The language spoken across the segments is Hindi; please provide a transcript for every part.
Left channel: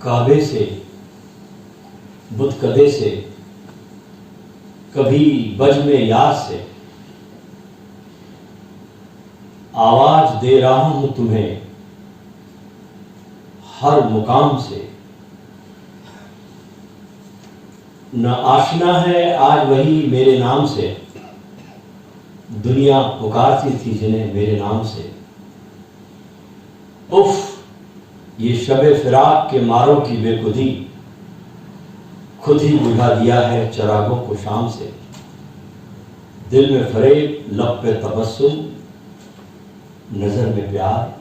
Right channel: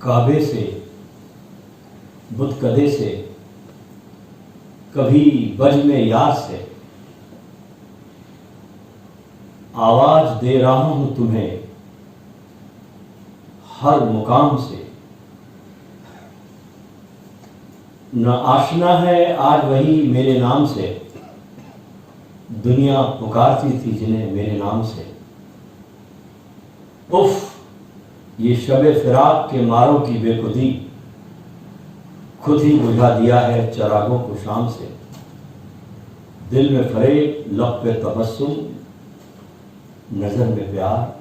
काबे से, बुतकदे से, कभी बज्म याद से, आवाज दे रहा हूं तुम्हें हर मुकाम से। न आशना है आज वही मेरे नाम से, दुनिया पुकारती थी जिन्हें मेरे नाम से। उफ, ये शबे फिराक के मारों की बेखुदी, खुद ही बुझा दिया है चरागों को शाम से। दिल में फरेब, लब पे तबस्सुम, नजर में प्यार,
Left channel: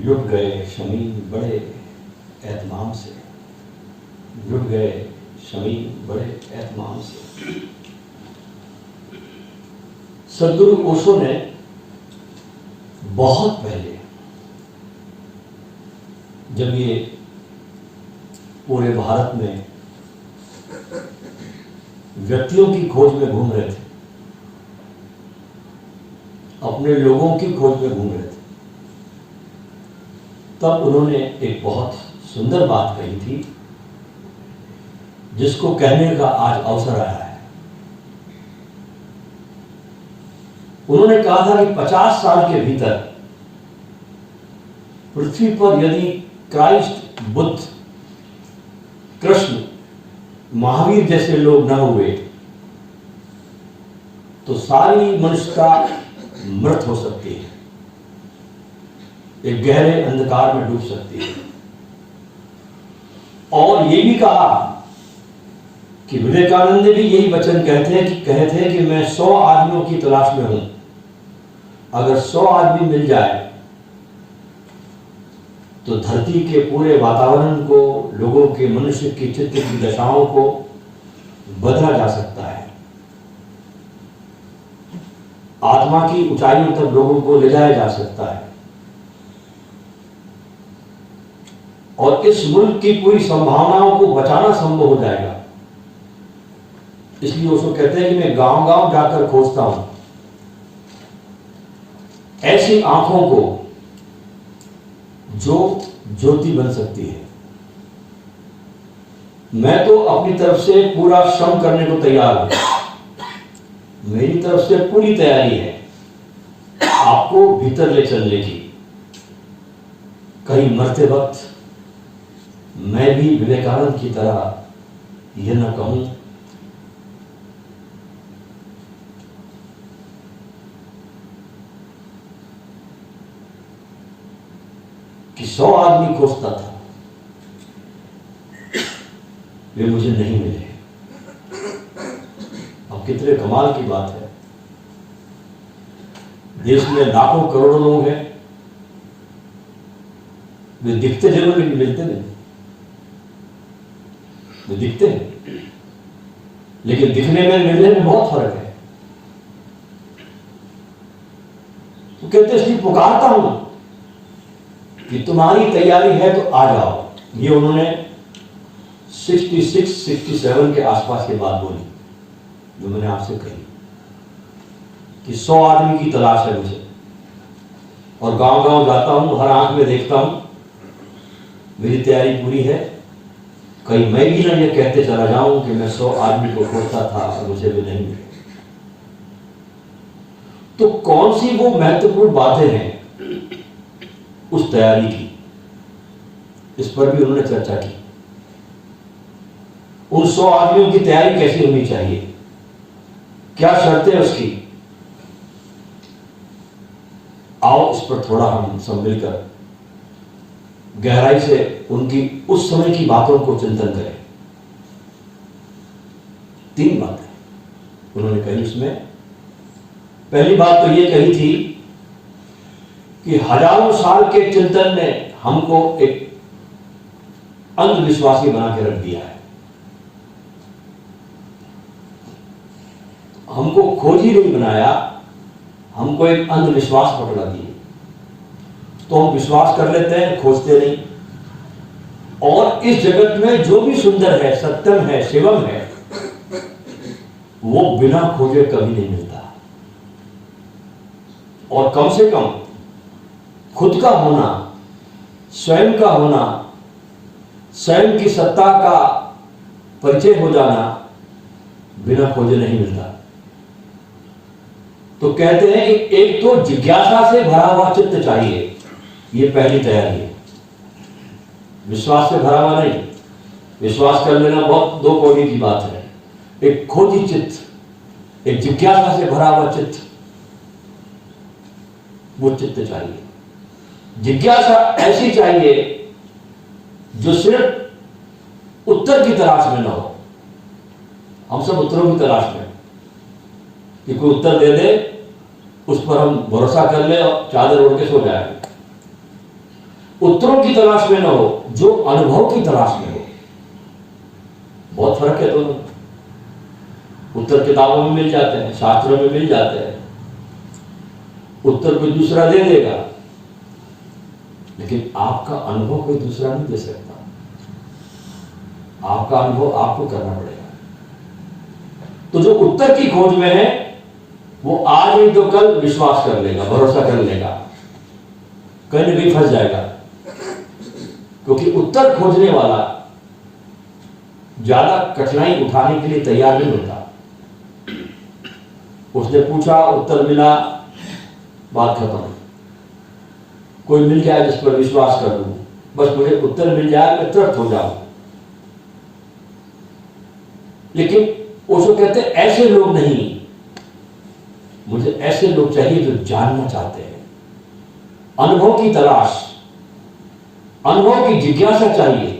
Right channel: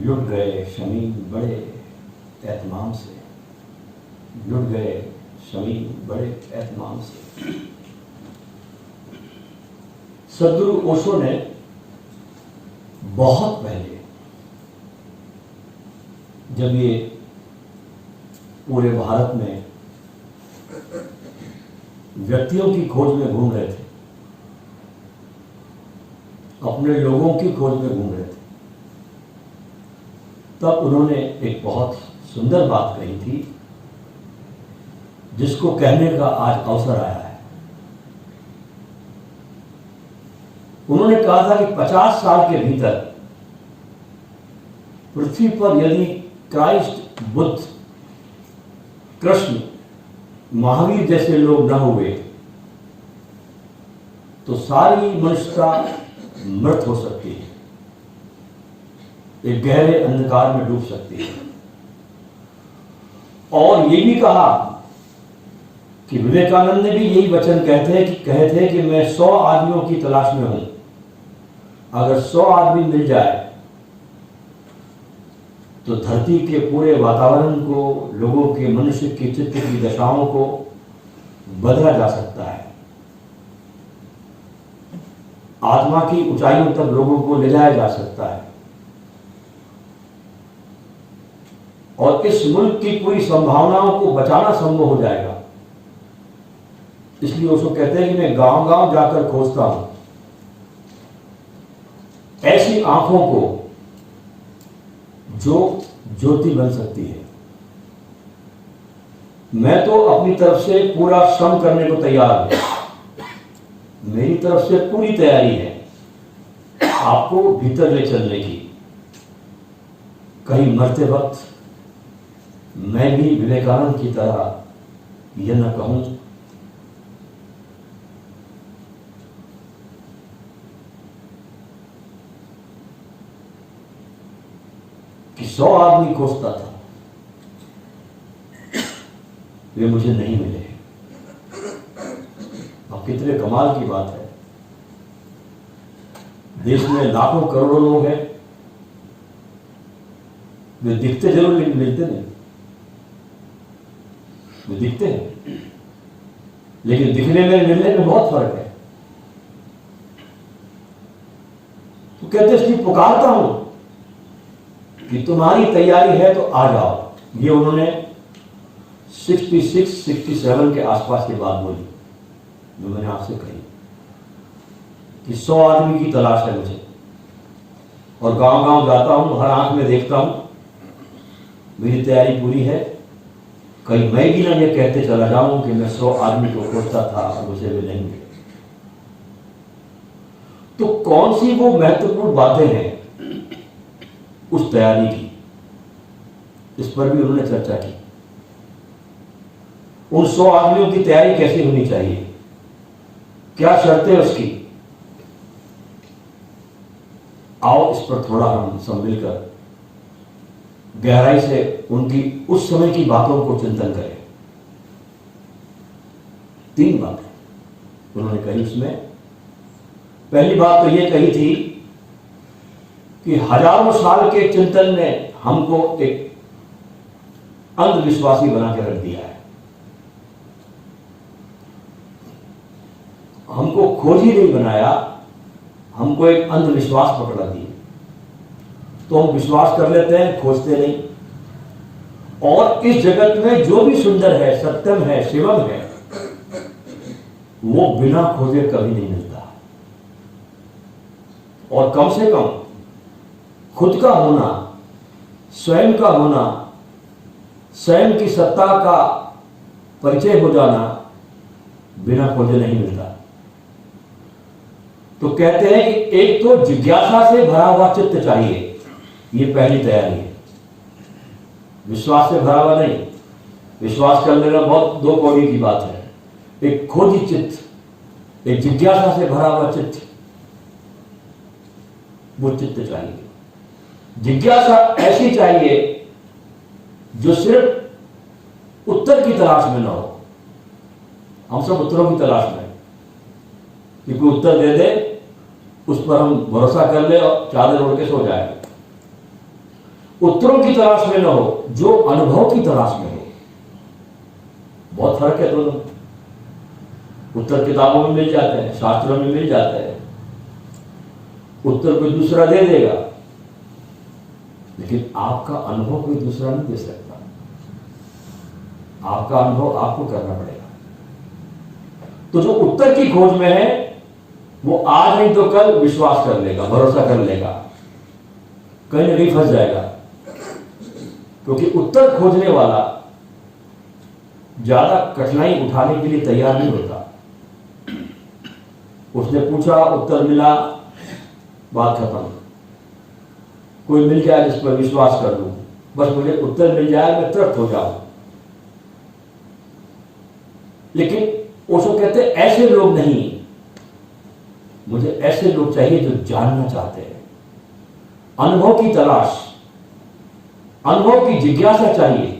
लुट गए शमीम बड़े एहतमाम से, लुट गए शमीम बड़े एहतमाम से। सदगुरु ओशो ने बहुत पहले, जब ये पूरे भारत में व्यक्तियों की खोज में घूम रहे थे, अपने लोगों की खोज में घूम रहे थे, तब उन्होंने एक बहुत सुंदर बात कही थी, जिसको कहने का आज अवसर आया है। उन्होंने कहा था कि 50 साल के भीतर पृथ्वी पर यदि क्राइस्ट, बुद्ध, कृष्ण, महावीर जैसे लोग न हुए तो सारी मनुष्यता मृत हो सकती है, एक गहरे अंधकार में डूब सकती है। और ये भी कहा कि विवेकानंद ने भी यही वचन कहे थे कि मैं 100 आदमियों की तलाश में हूं, अगर 100 आदमी मिल जाए तो धरती के पूरे वातावरण को, लोगों के, मनुष्य के चित्त की दशाओं को बदला जा सकता है। आत्मा की ऊंचाइयों तक लोगों को ले जाया जा सकता है और इस मुल्क की पूरी संभावनाओं को बचाना संभव हो जाएगा। इसलिए उसको कहते हैं कि मैं गांव-गांव जाकर खोजता हूं ऐसी आंखों को जो ज्योति बन सकती है। मैं तो अपनी तरफ से पूरा श्रम करने को तैयार हूं, मेरी तरफ से पूरी तैयारी है आपको भीतर ले चलने की। कहीं मरते वक्त मैं भी विवेकानंद की तरह यह न कहूं कि 100 आदमी खोजता था, वे मुझे नहीं मिले। अब कितने कमाल की बात है, देश में लाखों करोड़ों लोग हैं, वे दिखते जरूर लेकिन मिलते नहीं। वे दिखते हैं लेकिन दिखने में मिलने में बहुत फर्क है। तो कहते इसलिए पुकारता हूं कि तुम्हारी तैयारी है तो आ जाओ। ये उन्होंने 66-67 के आसपास की बात बोली, जो मैंने आपसे कही कि 100 आदमी की तलाश है मुझे, और गांव-गांव जाता हूं, हर आंख में देखता हूं, मेरी तैयारी पूरी है। कहीं मैं भी ना ये कहते चला जाऊं कि मैं 100 आदमी को खोजता था और मुझे भी नहीं मिले। तो कौन सी वो महत्वपूर्ण बातें हैं उस तैयारी की, इस पर भी उन्होंने चर्चा की। उन 100 आदमियों की तैयारी कैसी होनी चाहिए, क्या शर्तें उसकी। आओ इस पर थोड़ा हम सब मिलकर गहराई से उनकी उस समय की बातों को चिंतन करें। 3 बातें उन्होंने कही उसमें। पहली बात तो ये कही थी कि हजारों साल के चिंतन ने हमको एक अंधविश्वासी बना के रख दिया है। हमको खोजी नहीं बनाया, हमको एक अंधविश्वास पकड़ा दिया। तो हम विश्वास कर लेते हैं, खोजते नहीं। और इस जगत में जो भी सुंदर है, सत्यम है, शिवम है, वो बिना खोजे कभी नहीं मिलता। और कम से कम खुद का होना, स्वयं का होना, स्वयं की सत्ता का परिचय हो जाना बिना खोजे नहीं मिलता। तो कहते हैं कि एक तो जिज्ञासा से भरा हुआ चित्त चाहिए, ये पहली तैयारी है। विश्वास से भरा हुआ नहीं, विश्वास कर लेना बहुत दो कौड़ी की बात है। एक खोजी चित्त, एक जिज्ञासा से भरा हुआ चित्त, वो चित्त चाहिए। जिज्ञासा ऐसी चाहिए जो सिर्फ उत्तर की तलाश में ना हो। हम सब उत्तरों की तलाश में, कि कोई उत्तर दे दे, उस पर हम भरोसा कर ले और चादर ओढ़ के सो जाए। उत्तरों की तलाश में ना हो, जो अनुभव की तलाश में हो। बहुत फर्क है दोनों। उत्तर किताबों में मिल जाते हैं, शास्त्रों में मिल जाते हैं, उत्तर कोई दूसरा दे देगा, लेकिन आपका अनुभव कोई दूसरा नहीं दे सकता। आपका अनुभव आपको करना पड़ेगा। तो जो उत्तर की खोज में है, वो आज नहीं तो कल विश्वास कर लेगा, भरोसा कर लेगा, कहीं ना कहीं फंस जाएगा। क्योंकि उत्तर खोजने वाला ज्यादा कठिनाई उठाने के लिए तैयार नहीं होता। उसने पूछा, उत्तर मिला, बात खत्म। कोई मिल जाए जिस पर विश्वास कर लूं, बस मुझे उत्तर मिल जाए, मैं तृप्त हो जाऊं। लेकिन ओशो कहते हैं ऐसे लोग नहीं, मुझे ऐसे लोग चाहिए जो जानना चाहते हैं। अनुभव की तलाश, अनुभव की जिज्ञासा चाहिए।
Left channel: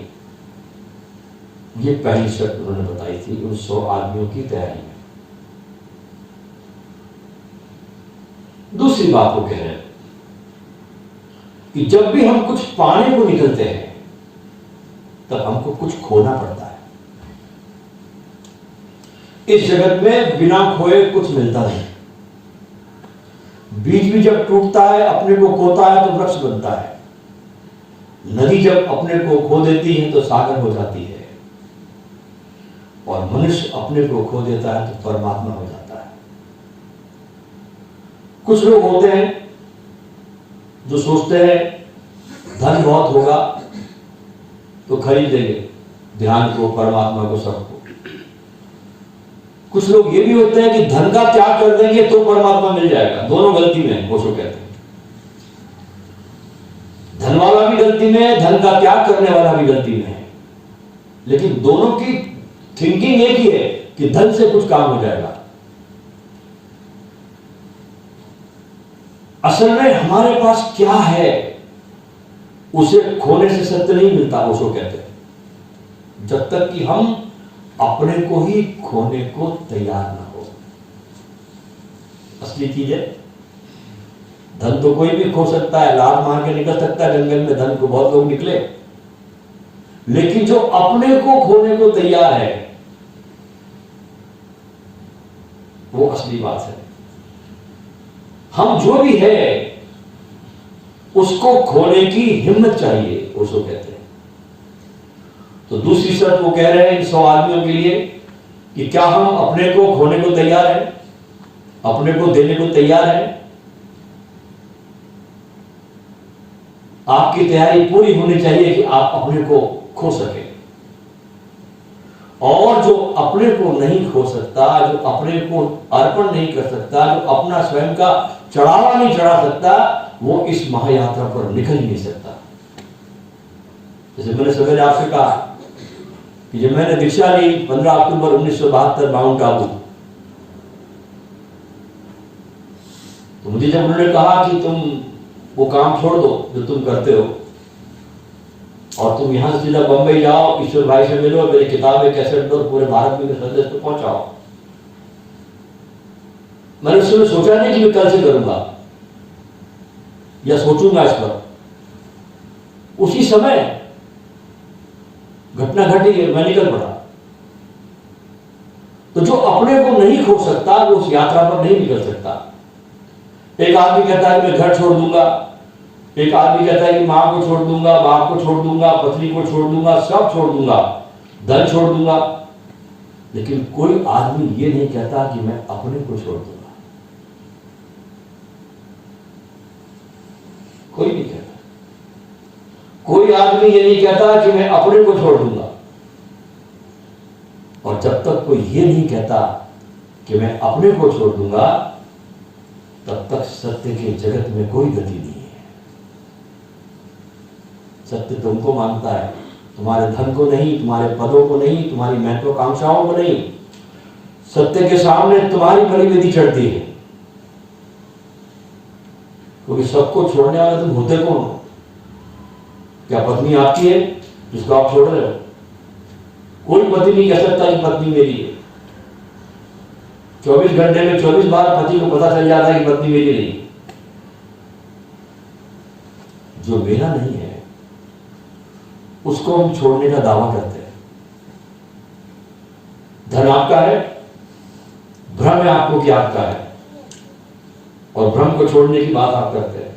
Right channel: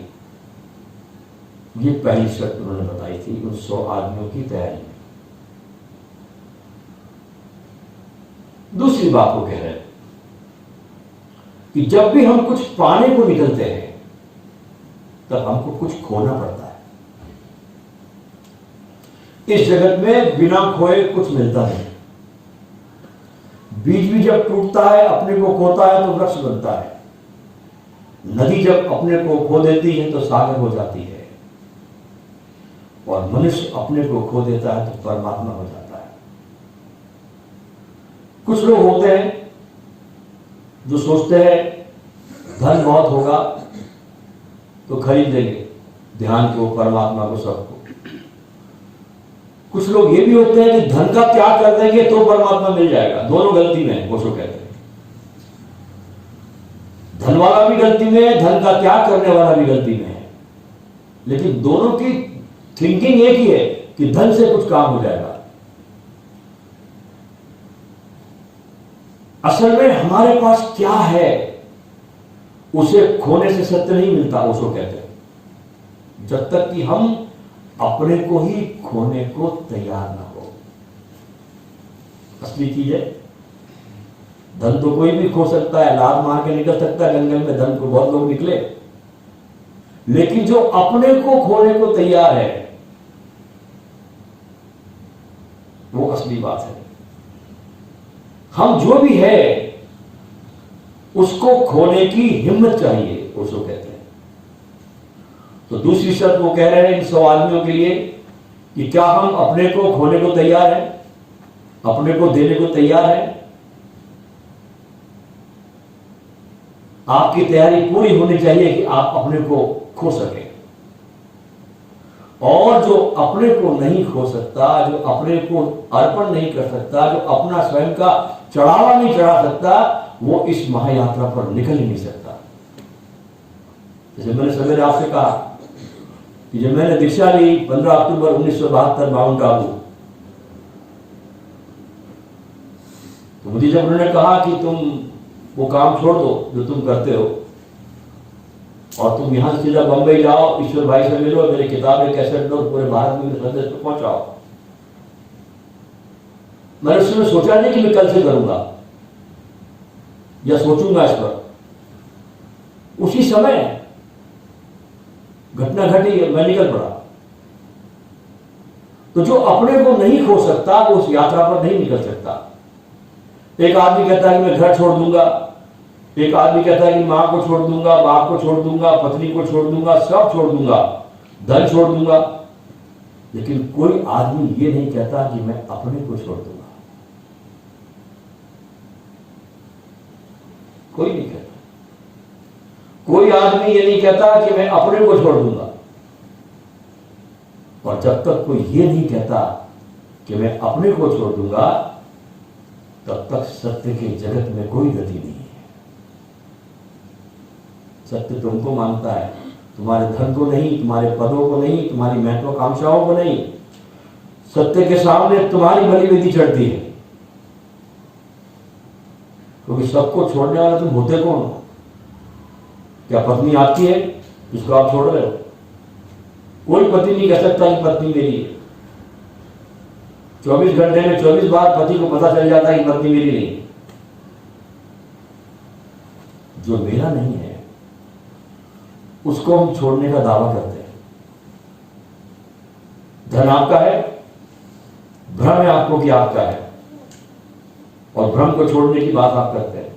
ये पहली शर्त उन्होंने बताई थी उन 100 आदमियों की तैयारी में। दूसरी बात वो कह रहे हैं कि जब भी हम कुछ पाने को निकलते हैं, तब हमको कुछ खोना पड़ता है। इस जगत में बिना खोए कुछ मिलता नहीं। बीज भी जब टूटता है, अपने को खोता है, तो वृक्ष बनता है। नदी जब अपने को खो देती है, तो सागर हो जाती है। और मनुष्य अपने को खो देता है, तो परमात्मा हो जाता है। कुछ लोग होते हैं जो सोचते हैं धन बहुत होगा तो खरीद लेंगे ध्यान को, परमात्मा को, सबको। कुछ लोग ये भी होते हैं कि धन का त्याग कर देंगे तो परमात्मा मिल जाएगा। दोनों गलती में है, वो कहते हैं। धन वाला भी गलती में है, धन का त्याग करने वाला भी गलती में है। लेकिन दोनों की थिंकिंग एक ही है कि धन से कुछ काम हो जाएगा। असल में हमारे पास क्या है, उसे खोने से सत्य नहीं मिलता, उसको कहते हैं। जब तक कि हम अपने को ही खोने को तैयार ना हो। असली चीज है। धन तो कोई भी खो सकता है, लात मार के निकल सकता है जंगल में, धन को बहुत लोग निकले। लेकिन जो अपने को खोने को तैयार है, वो असली बात है। हम जो भी है उसको खोने की हिम्मत चाहिए, उसको कहते हैं। तो दूसरी शर्त वो कह रहे हैं 100 आदमियों के लिए कि क्या हम अपने को खोने को तैयार है, अपने को देने को तैयार है। आपकी तैयारी पूरी होनी चाहिए कि आप अपने को खो सके। और जो अपने को नहीं खो सकता, जो अपने को अर्पण नहीं कर सकता, जो अपना स्वयं का चढ़ावा नहीं चढ़ा सकता, वो इस महायात्रा पर निकल ही नहीं सकता। जैसे मैंने सवेरे आपसे कहा कि जब मैंने दीक्षा ली 15 अक्टूबर 1972 माउंट आबू, तो मुझे जब उन्होंने कहा कि तुम वो काम छोड़ दो जो तुम करते हो और तुम यहां से सीधा बंबई जाओ, ईश्वर भाई से मिलो, मेरी किताबें कैसेट दो, पूरे भारत में संदेश को पहुंचाओ। मैंने उस समय सोचा नहीं कि मैं कल से करूंगा या सोचूंगा इस पर। उसी समय घटना घटी, मैं निकल पड़ा। तो जो अपने को नहीं खो सकता, वो उस यात्रा पर नहीं निकल सकता। एक आदमी कहता है कि मैं घर छोड़ दूंगा, एक आदमी कहता है कि मां को छोड़ दूंगा, बाप को छोड़ दूंगा, पत्नी को छोड़ दूंगा, सब छोड़ दूंगा, धन छोड़ दूंगा। लेकिन कोई आदमी ये नहीं कहता कि मैं अपने को छोड़ दूंगा। कोई नहीं कहता। कोई आदमी ये नहीं कहता कि मैं अपने को छोड़ दूंगा, और जब तक कोई ये नहीं कहता कि मैं अपने को छोड़ दूंगा, तब तक सत्य के जगत में कोई गति नहीं है। सत्य तुमको मांगता है, तुम्हारे धन को नहीं, तुम्हारे पदों को नहीं, तुम्हारी महत्वाकांक्षाओं को नहीं। सत्य के सामने तुम्हारी बलि विधि चढ़ती है, क्योंकि सबको छोड़ने वाले तुम होते कौन हो? क्या पत्नी आपकी है जिसको आप छोड़ रहे हो? कोई पति नहीं कह सकता कि पत्नी मेरी है। 24 घंटे में 24 बार पति को पता चल जाता है कि पत्नी मेरी नहीं। जो मेरा नहीं है उसको हम छोड़ने का दावा करते हैं। धन आपका है, भ्रम है आपको कि आपका है, और भ्रम को छोड़ने की बात आप करते हैं।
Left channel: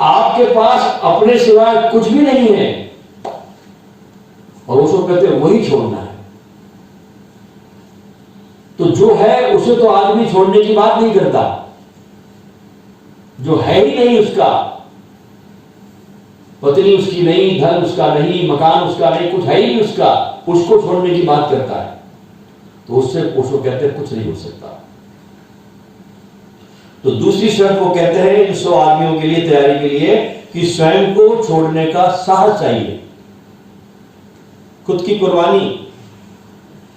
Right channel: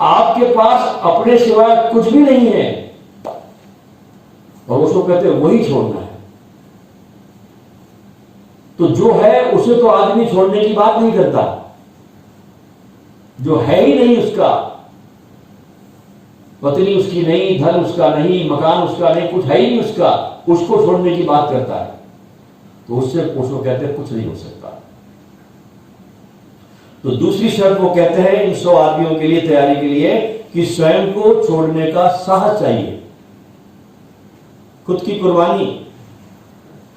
आपके पास अपने सिवाय कुछ भी नहीं है, और उसको कहते हैं वही छोड़ना है। तो जो है उसे तो आदमी छोड़ने की बात नहीं करता। जो है ही नहीं उसका, पत्नी उसकी नहीं, धन उसका नहीं, मकान उसका नहीं, कुछ है ही नहीं उसका, उसको छोड़ने की बात करता है। तो उसको कहते हैं कुछ नहीं हो सकता। तो दूसरी शर्त वो कहते हैं इन 100 आदमियों के लिए, तैयारी के लिए, कि स्वयं को छोड़ने का साहस चाहिए, खुद की कुर्बानी,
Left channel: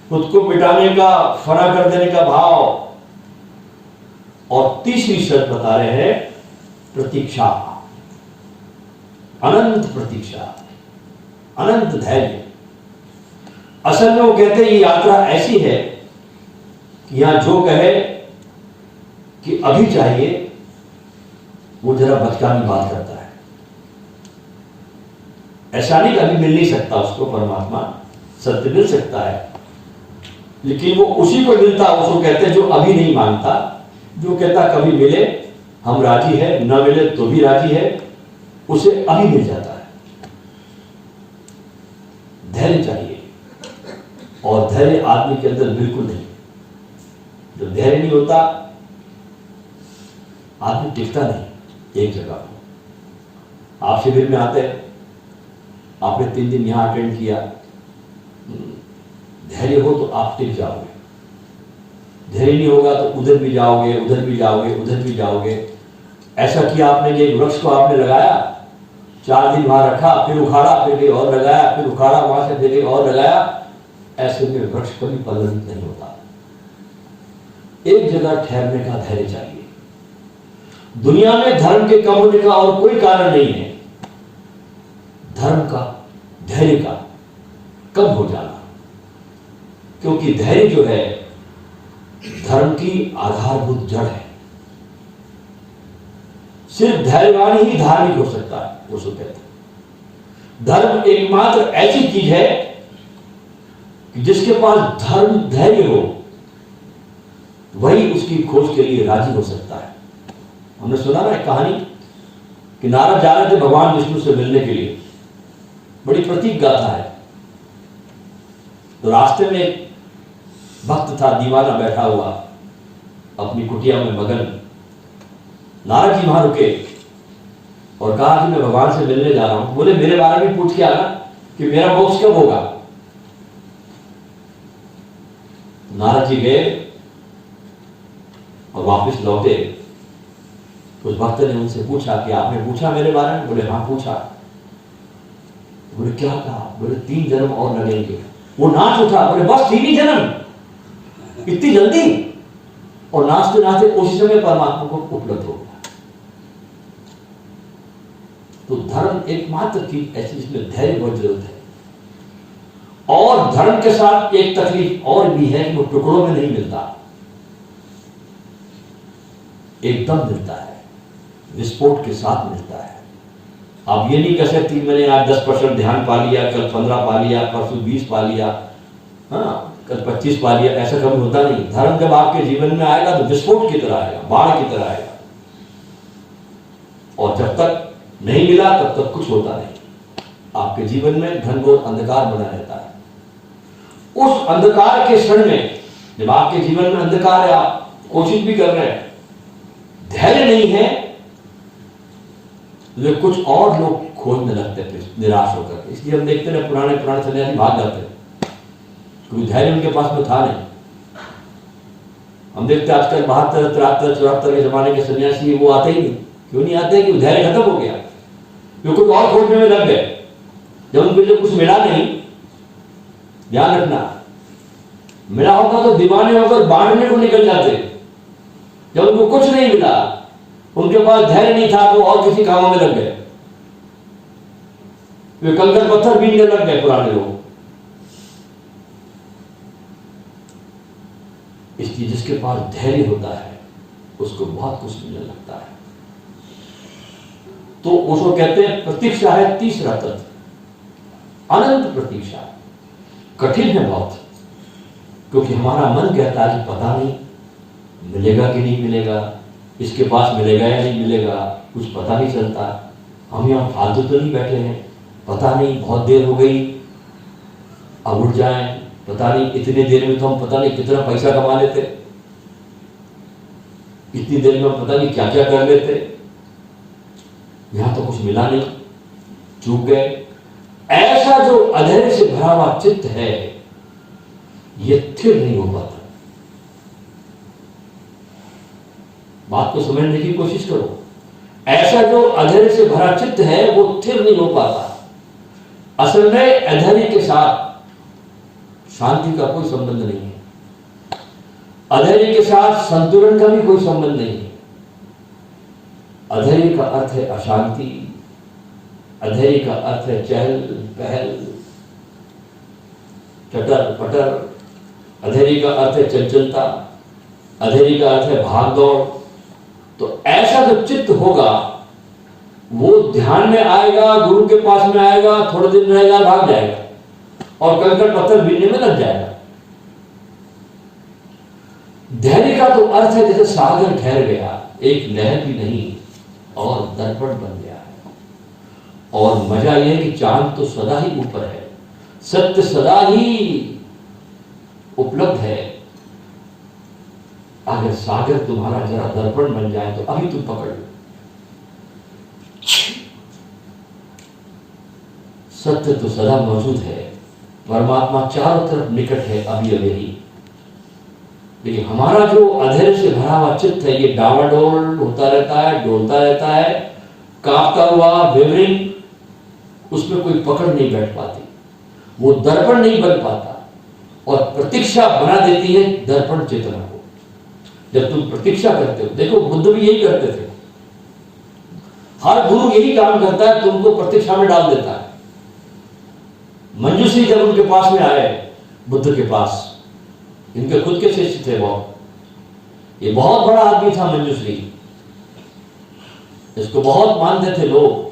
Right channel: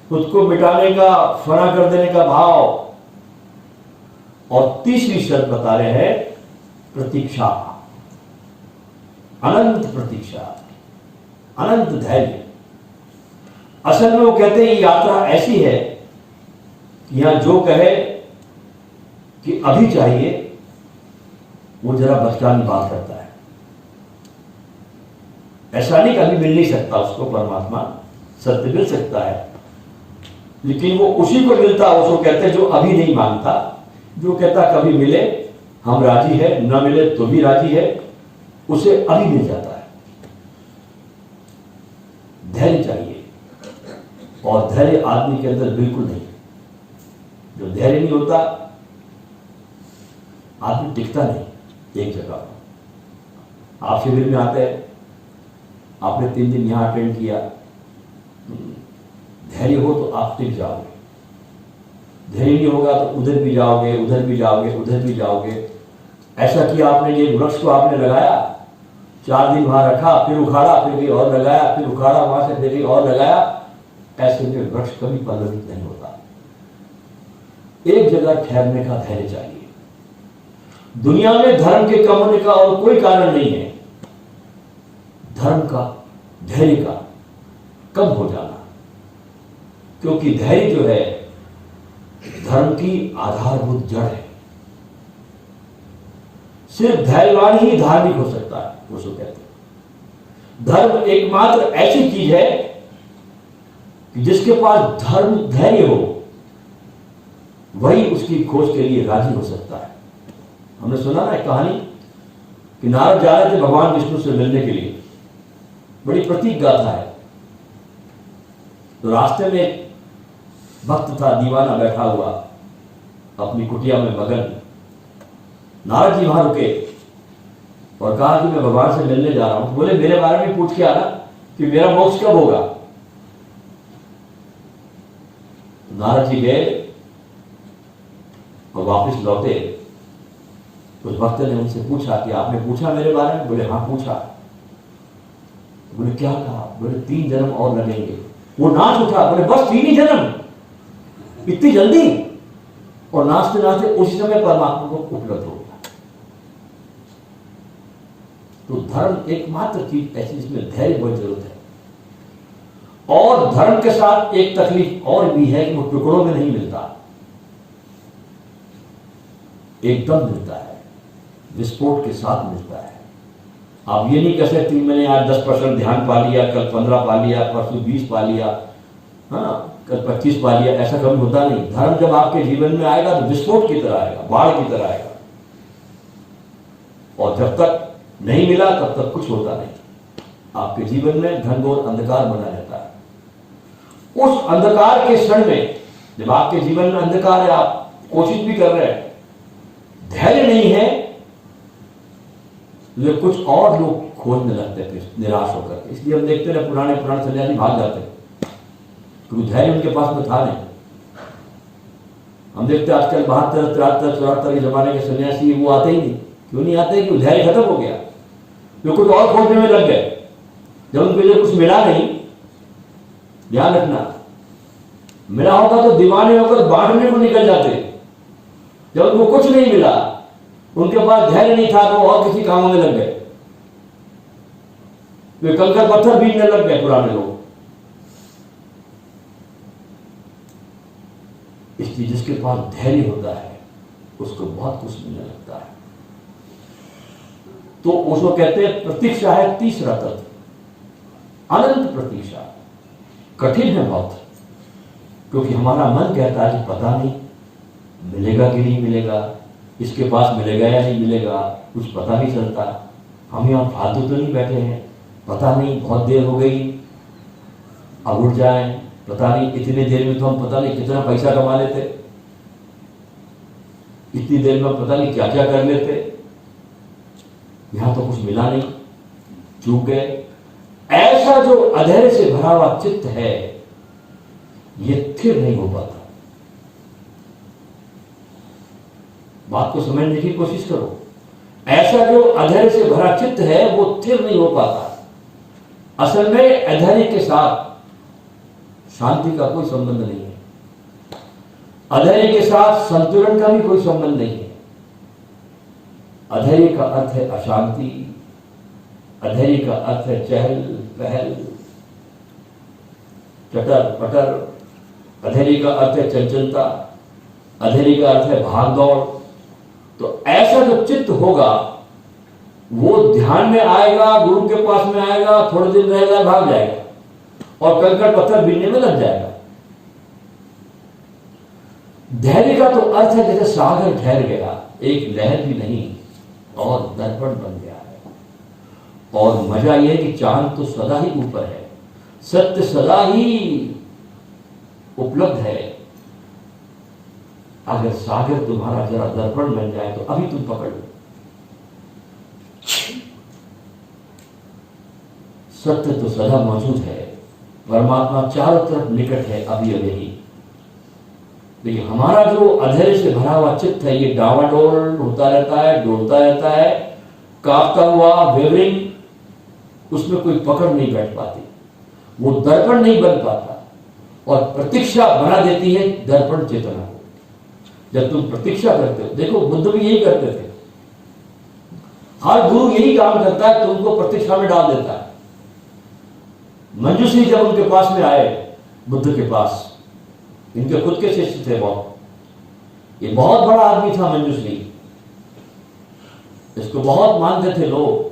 खुद को मिटाने का, फना कर देने का भाव। और तीसरी शर्त बता रहे हैं प्रतीक्षा, अनंत प्रतीक्षा, अनंत धैर्य। असल में वो कहते हैं ये यात्रा ऐसी है कि यहां जो कहे कि अभी चाहिए, वो जरा बचकानी बात करता है। ऐसा नहीं कि अभी मिल नहीं सकता उसको परमात्मा, सत्य मिल सकता है, लेकिन वो उसी को मिलता, उसको कहते हैं जो अभी नहीं मानता, जो कहता कभी मिले हम राजी है, न मिले तो भी राजी है, उसे अभी मिल जाता है। धैर्य चाहिए, और धैर्य आदमी के अंदर बिल्कुल नहीं। जो धैर्य नहीं होता, आदमी टिकता नहीं एक जगह। आप शिविर में आते हैं, आपने 3 दिन यहां अटेंड किया, धैर्य हो तो आप टिक जाओगे। धैर्य नहीं होगा तो उधर भी जाओगे, उधर भी जाओगे, उधर भी जाओगे। ऐसा किया आपने, ये वृक्ष को आपने लगाया, 4 दिन वहां रखा, फिर उखाड़ा, फिर कहीं और लगाया, फिर उखाड़ा वहां से, फिर कहीं और लगाया। ऐसे में वृक्ष कभी पल्लवित नहीं होता। एक जगह ठहरने का धैर्य चाहिए। दुनिया में धर्म के कम होने का और कोई कारण नहीं है, धर्म का, धैर्य का कम हो जाना। क्योंकि धैर्य जो है धर्म की आधारभूत जड़ है। सिर्फ धैर्यवान ही धार्मिक हो सकता है, वो सो कहते हैं। धर्म एकमात्र ऐसी चीज है कि जिसके पास धर्म धैर्य हो, वही उसकी खोज के लिए राजी हो सकता है। हमने सुना ना कहानी कि नारद जा रहे थे भगवान विष्णु से मिलने के लिए, बड़ी प्रतीक गाथा है। तो रास्ते में एक भक्त था, दीवाना बैठा हुआ अपनी कुटिया में मगन। नारद जी वहां रुके और कहा कि मैं भगवान से मिलने जा रहा हूं। बोले मेरे बारे में पूछ के आना कि मेरा मोक्ष कब होगा। नारद जी गए और वापस लौटे। उस भक्त ने उनसे पूछा कि आपने पूछा मेरे बारे में? बोले हाँ पूछा। बोले क्या कहा? बोले 3 जन्म और लगेंगे। वो नाच उठा, बोले बस 3 ही जन्म, इतनी जल्दी? और नाचते नाचते उसी समय परमात्मा को उपलब्ध हो गया। तो धर्म एकमात्र चीज ऐसी जिसमें धैर्य बहुत जरूरत है। और धर्म के साथ एक तकलीफ और भी है कि वो टुकड़ों में नहीं मिलता, एकदम मिलता है, विस्फोट के साथ मिलता है। आप ये नहीं कह सकते मैंने आज 10% ध्यान पा लिया, कल 15 पा लिया, परसों 20 पा लिया, हाँ कल 25 पा लिया, ऐसा कभी होता नहीं। धर्म जब आपके जीवन में आएगा तो विस्फोट की तरह आएगा, बाढ़ की तरह आएगा। और जब तक नहीं मिला तब तक कुछ होता नहीं। आपके जीवन में घनघोर अंधकार बना रहता है। उस अंधकार के क्षण में जब आपके जीवन में अंधकार है, आप कोशिश भी कर रहे हैं, धैर्य नहीं है, लेकिन कुछ और लोग खोज में लगते थे निराश होकर। इसलिए हम देखते ना पुराने सन्यासी भाग जाते क्योंकि धैर्य उनके पास में था नहीं। हम देखते आजकल 72, 73, 74 के जमाने के सन्यासी वो आते ही नहीं। क्यों नहीं आते? कि धैर्य खत्म हो गया, क्योंकि कुछ और खोजने में लग गए। जब उनको जो कुछ मिला नहीं, ध्यान रखना, मिला होगा तो दीवाने होकर बांटने को निकल जाते। जब उनको कुछ नहीं मिला, उनके पास धैर्य नहीं था, तो और किसी कामों में लग गए। वे कंकड़ पत्थर बीनने लग गए पुराने लोग। इसलिए जिसके पास धैर्य होता है उसको बहुत कुछ मिलने लगता है। तो उसको कहते हैं प्रतीक्षा है तीसरा तत्व, अनंत प्रतीक्षा। कठिन है बहुत, क्योंकि हमारा मन कहता है कि पता नहीं मिलेगा कि नहीं मिलेगा, इसके पास मिलेगा या नहीं मिलेगा, कुछ पता नहीं चलता। हम यहां फालतू तो नहीं बैठे हैं, पता नहीं बहुत देर हो गई, अब उठ जाए, पता नहीं इतनी देर में तो हम पता नहीं कितना पैसा कमा लेते, इतनी देर में पता नहीं क्या क्या कर लेते, यहां तो कुछ मिला नहीं, चूक गए। ऐसा जो अधैर्य से भरा हुआ चित्त है, यह स्थिर नहीं हो पाता। बात को समझने की कोशिश करो। ऐसा जो अधैर्य से भरा चित्त है वो स्थिर नहीं हो पाता। असल में अधैर्य के साथ शांति का कोई संबंध नहीं है, अधैर्य के साथ संतुलन का भी कोई संबंध नहीं है। अधैर्य का अर्थ है अशांति, अधैर्य का अर्थ है चहल पहल, चटर पटर, अधैर्य का अर्थ है चंचलता, अधैर्य का अर्थ है भाग दौड़। तो ऐसा जो चित्त होगा वो ध्यान में आएगा, गुरु के पास में आएगा, थोड़े दिन रहेगा, भाग जाएगा और कंकड़ पत्थर बीनने में लग जाएगा। धैर्य का तो अर्थ है जैसे सागर ठहर गया, एक लहर भी नहीं और दर्पण बन गया है। और मजा यह है कि चांद तो सदा ही ऊपर है, सत्य सदा ही उपलब्ध है। अगर सागर तुम्हारा जरा दर्पण बन जाए तो अभी तुम पकड़ लो। सत्य तो सदा मौजूद है, परमात्मा चारों तरफ निकट है, अभी अभी ही। लेकिन हमारा जो अधैर्य से भरा हुआ चित्त है, ये डावाडोल होता रहता है, डोलता रहता है, कांपता हुआ, विवरिंग, उसमें कोई पकड़ नहीं बैठ पाती, वो दर्पण नहीं बन पाता। और प्रतीक्षा बना देती है दर्पण चेतना को। जब तुम प्रतीक्षा करते हो, देखो बुद्ध भी यही करते थे, हर गुरु यही काम करता है, तुमको प्रतीक्षा में डाल देता है। मंजूश्री जब उनके पास में आए, बुद्ध के पास, इनके खुद के शिष्य थे वो, ये बहुत बड़ा आदमी था मंजूश्री, इसको बहुत मानते थे लोग।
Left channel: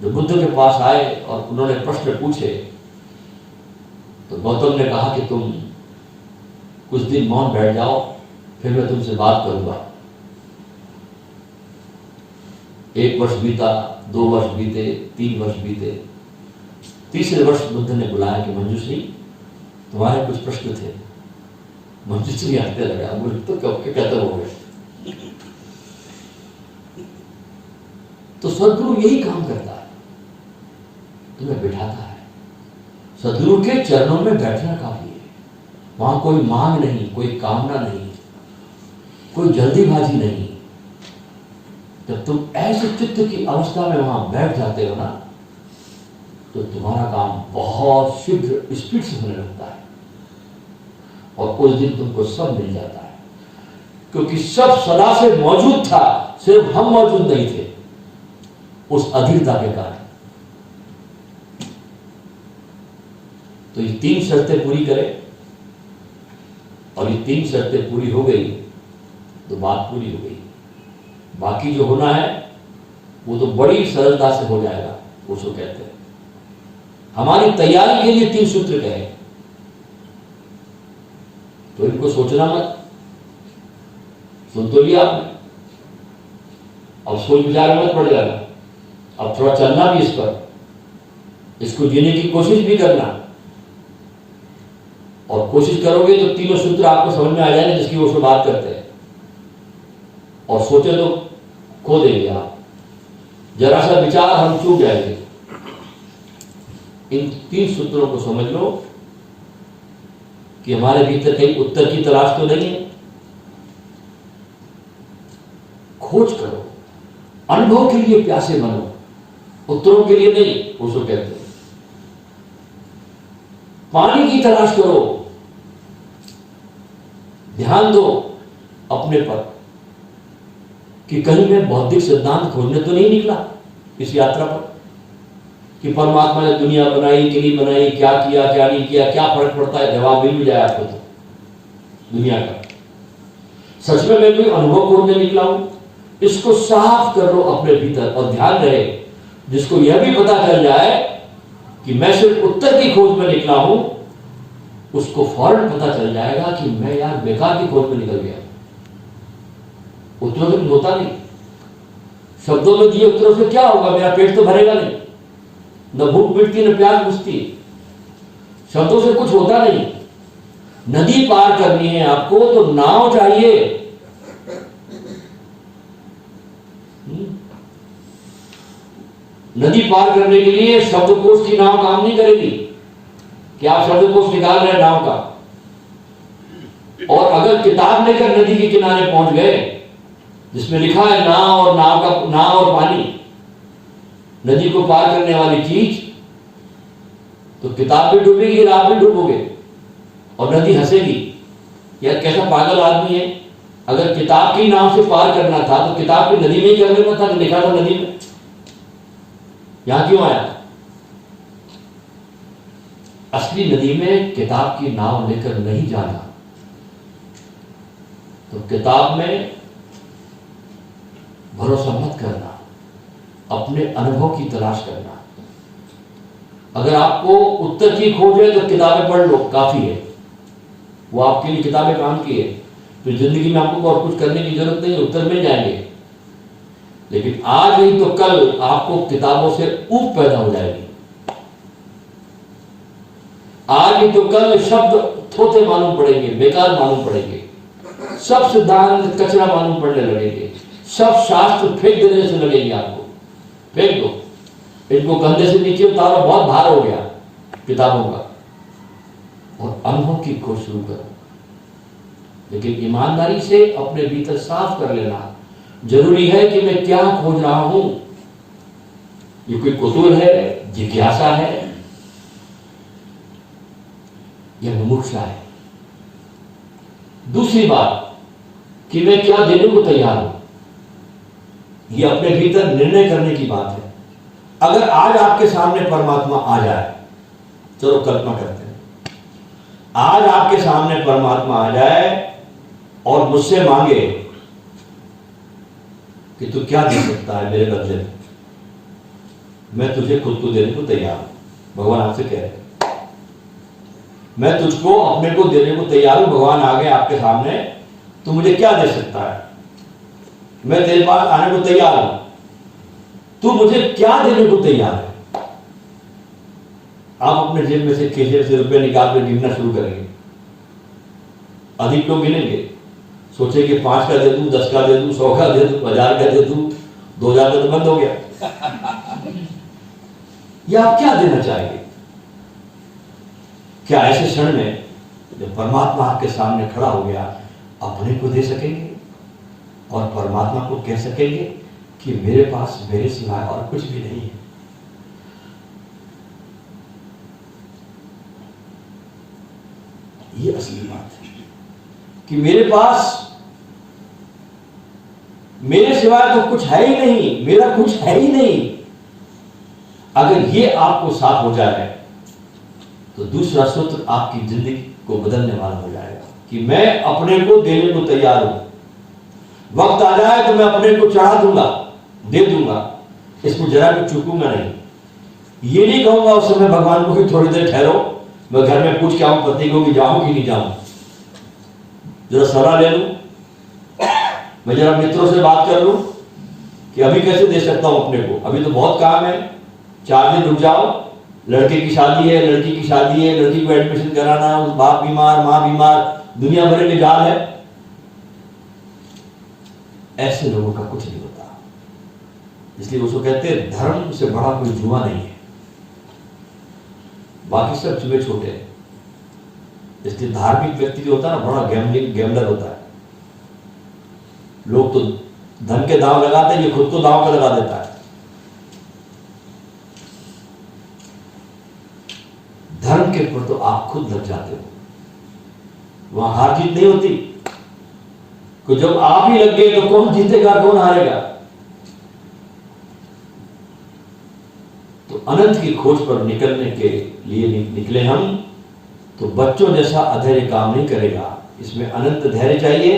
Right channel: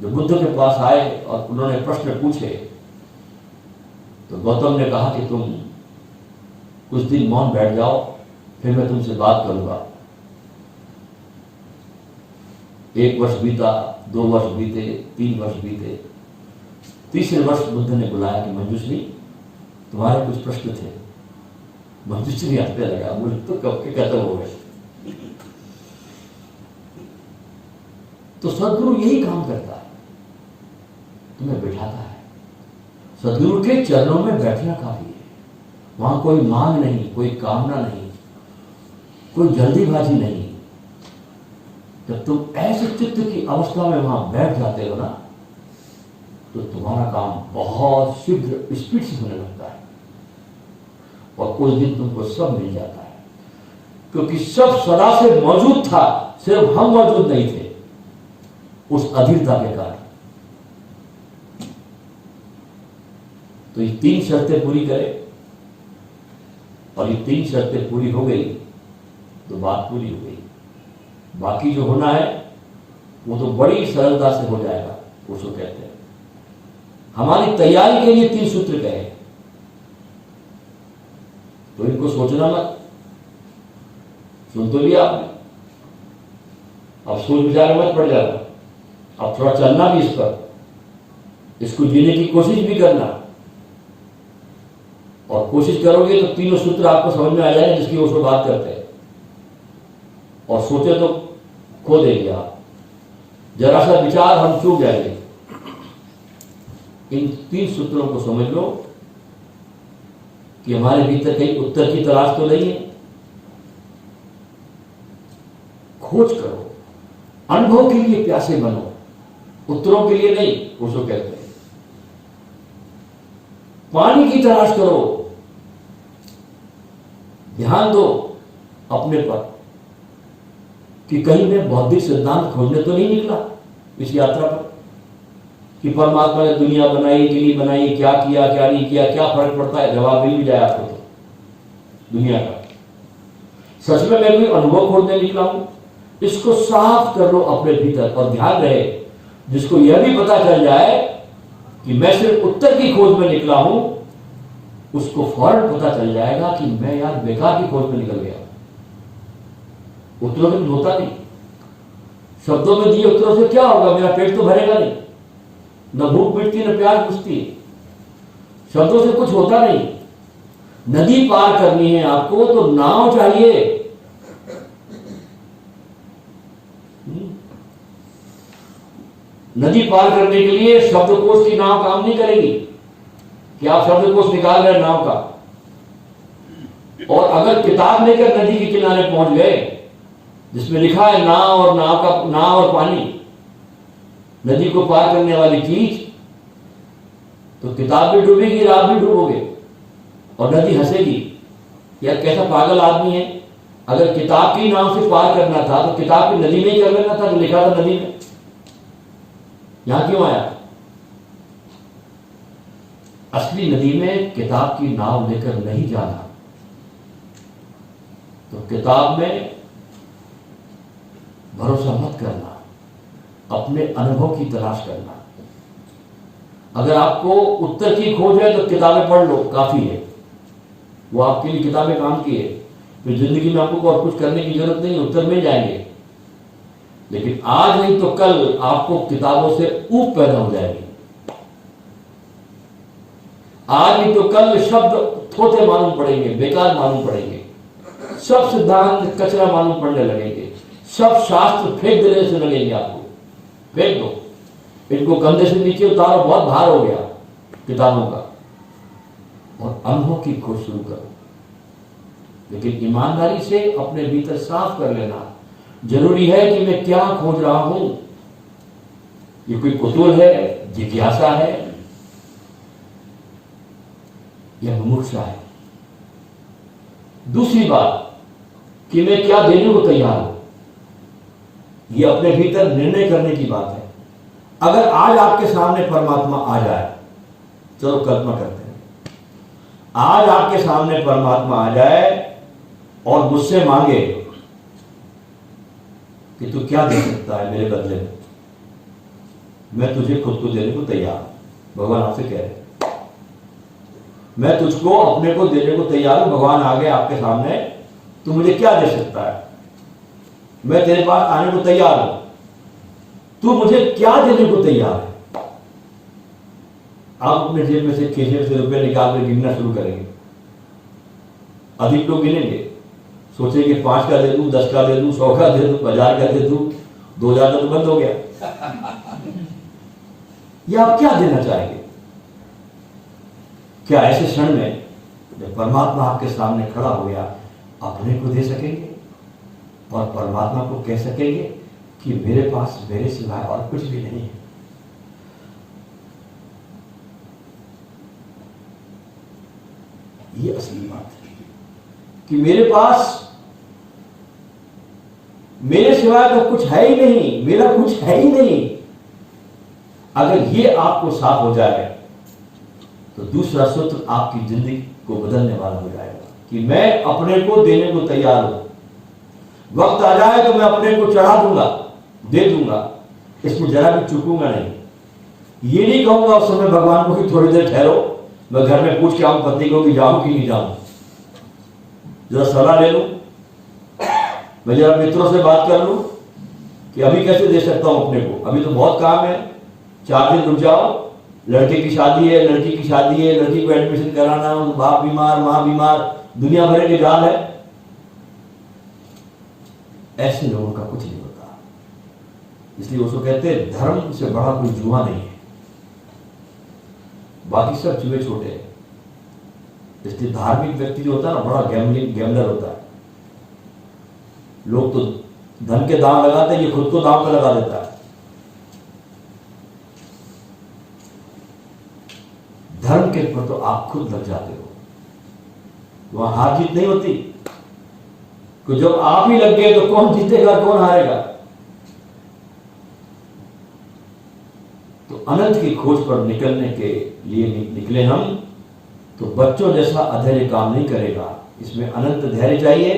जो बुद्ध के पास आए और उन्होंने प्रश्न पूछे तो गौतम ने कहा कि तुम कुछ दिन मौन बैठ जाओ, फिर मैं तुमसे बात करूंगा। 1 वर्ष बीता, 2 वर्ष बीते, 3 वर्ष बीते, तीसरे वर्ष बुद्ध ने बुलाया कि मंजूश्री तुम्हारे कुछ प्रश्न थे। मंजूश्री हंसने लगा, मुझे तो कब के खत्म हो गए। तो सदगुरु यही काम करता है, तुम्हें बिठाता है। सदगुरु के चरणों में बैठना काफी है, वहां कोई मांग नहीं, कोई कामना नहीं, कोई जल्दीबाजी नहीं। जब तुम ऐसे चित्त की अवस्था में वहां बैठ जाते हो ना, तो तुम्हारा काम बहुत शीघ्र स्पीड से होने लगता है और कुछ दिन तुमको सब मिल जाता है, क्योंकि सब सदा से मौजूद था, सिर्फ हम मौजूद नहीं थे उस अधीरता के कारण। तो ये 3 शर्तें पूरी करें, और ये 3 शर्तें पूरी हो गई तो बात पूरी हो गई। बाकी जो होना है वो तो बड़ी सरलता से हो जाएगा। उसको कहते हैं हमारी तैयारी के लिए 3 सूत्र कहे, तो इनको सोचना मत, सुन तो लिया आपने, अब सोच विचार मत पड़ जाना, अब थोड़ा चलना भी इस पर, इसको जीने की कोशिश भी करना। और कोशिश करोगे तो तीनों सूत्र आपको समझ में आ जाएंगे जिसकी वो बात करते हैं। और सोचे तो खो देंगे आप, जरा सा विचार हम चूक जाएंगे। इन 3 सूत्रों को समझ लो कि हमारे भीतर कहीं उत्तर की तलाश तो नहीं है। खोज करो, अनुभव के लिए प्यासे बनो, उत्तरों के लिए नहीं। उसको कहते हैं पानी की तलाश करो, ध्यान दो अपने पर कि कहीं मैं बौद्धिक सिद्धांत खोजने तो नहीं निकला इस यात्रा पर कि परमात्मा ने दुनिया बनाई कि नहीं बनाई, क्या किया क्या नहीं किया, क्या फर्क पड़ता है। जवाब मिल जाए आपको तो दुनिया का। सच में मैं कोई अनुभव खोजने निकला हूं? इसको साफ कर लो अपने भीतर। और ध्यान रहे, जिसको यह भी पता चल जाए कि मैं सिर्फ उत्तर की खोज में निकला हूं, उसको फौरन पता चल जाएगा कि मैं यार बेकार की खोज में निकल गया। उत्तरों से कुछ होता नहीं। शब्दों में दिए उत्तरों से क्या होगा? मेरा पेट तो भरेगा नहीं, न भूख मिटती न प्यास बुझती। शब्दों से कुछ होता नहीं। नदी पार करनी है आपको तो नाव चाहिए। नदी पार करने के लिए शब्दकोश की नाव काम नहीं करेगी कि आप शब्दकोश निकाल रहे नाव का। और अगर किताब लेकर नदी के किनारे पहुंच गए जिसमें लिखा है नाव और नाव और पानी, नदी को पार करने वाली चीज, तो किताब भी डूबेगी, आप भी डूबोगे और नदी हंसेगी। यह कैसा पागल आदमी है। अगर किताब की नाव से पार करना था तो किताब की नदी में ही कर लेना था कि लिखा था नदी में। यहां क्यों आया? असली नदी में किताब की नाव लेकर नहीं जाना। तो किताब में भरोसा मत करना, अपने अनुभव की तलाश करना। अगर आपको उत्तर की खोज है तो किताबें पढ़ लो, काफी है। वो आपके लिए किताबें काम की है। तो जिंदगी में आपको और कुछ करने की जरूरत नहीं, उत्तर मिल जाएंगे। लेकिन आज नहीं तो कल आपको किताबों से ऊब पैदा हो जाएगी। आज नहीं तो कल शब्द थोथे मालूम पड़ेंगे, बेकार मालूम पड़ेंगे। सब सिद्धांत कचरा मालूम पड़ने लगेंगे। सब शास्त्र फेंक देने से लगेंगे आपको। फेंक दो इनको, कंधे से नीचे उतारो, बहुत भार हो गया किताबों का। और अनुभव की खोज शुरू करो। लेकिन ईमानदारी से अपने भीतर साफ कर लेना जरूरी है कि मैं क्या खोज रहा हूं। ये कोई कुतूहल है, जिज्ञासा है, यह मुमुक्षा है। दूसरी बात कि मैं क्या देने को तैयार हूं, यह अपने भीतर निर्णय करने की बात है। अगर आज आपके सामने परमात्मा आ जाए, चलो कल्पना करते हैं, आज आपके सामने परमात्मा आ जाए और मुझसे मांगे कि तू क्या दे सकता है मेरे बदले में, मैं तुझे खुद को देने को तैयार हूं। भगवान आपसे कह रहे, मैं तुझको अपने को देने को तैयार हूं। भगवान आ गए आपके सामने, तू मुझे क्या दे सकता है? मैं तेरे पास आने को तैयार हूं, तू मुझे क्या देने को तैयार है? आप अपने जेब में से खीसे से रुपए निकाल कर गिनना शुरू करेंगे। अधिक लोग गिनेंगे, सोचेंगे 5 का दे दूं, 10 का दे दूं, 100 का दे दूं, 1000 का दे दूं, 2000 का तो बंद हो गया। या आप क्या देना चाहेंगे? क्या ऐसे क्षण में जब परमात्मा आपके सामने खड़ा हो गया, अपने को दे सकेंगे और परमात्मा को कह सकेंगे कि मेरे पास मेरे सिवाय और कुछ भी नहीं है? ये असली बात है कि मेरे पास मेरे सिवाय तो कुछ है ही नहीं, मेरा कुछ है ही नहीं। अगर ये आपको साफ हो जाए तो दूसरा सूत्र आपकी जिंदगी को बदलने वाला हो जाएगा कि मैं अपने को देने को तैयार हूं। वक्त आ जाए तो मैं अपने को चढ़ा दूंगा, दे दूंगा, इसमें जरा भी चूकूंगा नहीं। ये नहीं कहूंगा उस समय भगवान को कि थोड़ी देर ठहरो, मैं घर में पूछ के आऊं पति को कि जाऊं कि नहीं जाऊं, जरा सलाह ले लूं, मैं जरा मित्रों से बात कर लूं कि अभी कैसे दे सकता हूं अपने को, अभी तो बहुत काम है, 4 दिन रुक जाओ, लड़के की शादी है, लड़की की शादी है, लड़की को एडमिशन कराना, बाप बीमार, मां बीमार, दुनिया भर के जाल है। ऐसे लोगों का कुछ नहीं होता। इसलिए उसको कहते हैं धर्म से बड़ा कोई जुआ नहीं है। बाकी सब चूहे छोटे हैं। इसलिए धार्मिक व्यक्ति जो होता है ना, बड़ा गैम्बलर होता है। लोग तो धन के दांव लगाते हैं, ये खुद को दांव पे लगा देता है। धर्म के ऊपर तो आप खुद लग जाते हो, वहां हार जीत नहीं होती। तो जब आप ही लग गए तो कौन जीतेगा, कौन हारेगा? तो अनंत की खोज पर निकलने के लिए निकले हम, तो बच्चों जैसा अधैर्य काम नहीं करेगा, इसमें अनंत धैर्य चाहिए।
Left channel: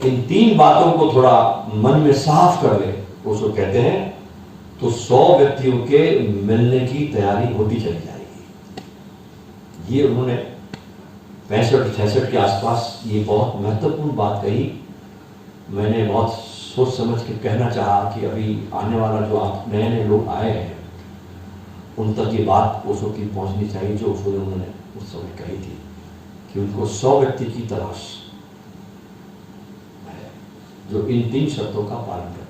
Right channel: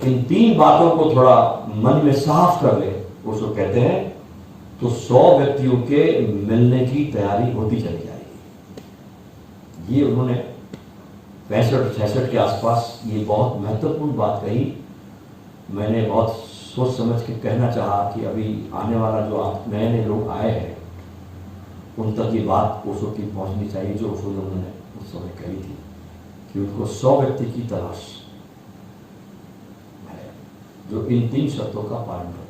इन 3 बातों को थोड़ा मन में साफ कर ले, उसको कहते हैं, तो 100 व्यक्तियों के मिलने की तैयारी होती चली जाएगी। ये उन्होंने 65-66 के आसपास ये बहुत महत्वपूर्ण बात कही। मैंने बहुत सोच समझ के कहना चाहा कि अभी आने वाला जो आप नए लोग आए हैं, उन तक ये बात ओशो की पहुंचनी चाहिए, जो ओशो ने उन्होंने उस समय कही थी कि उनको 100 व्यक्ति की तलाश है जो इन 3 शर्तों का पालन करते हैं।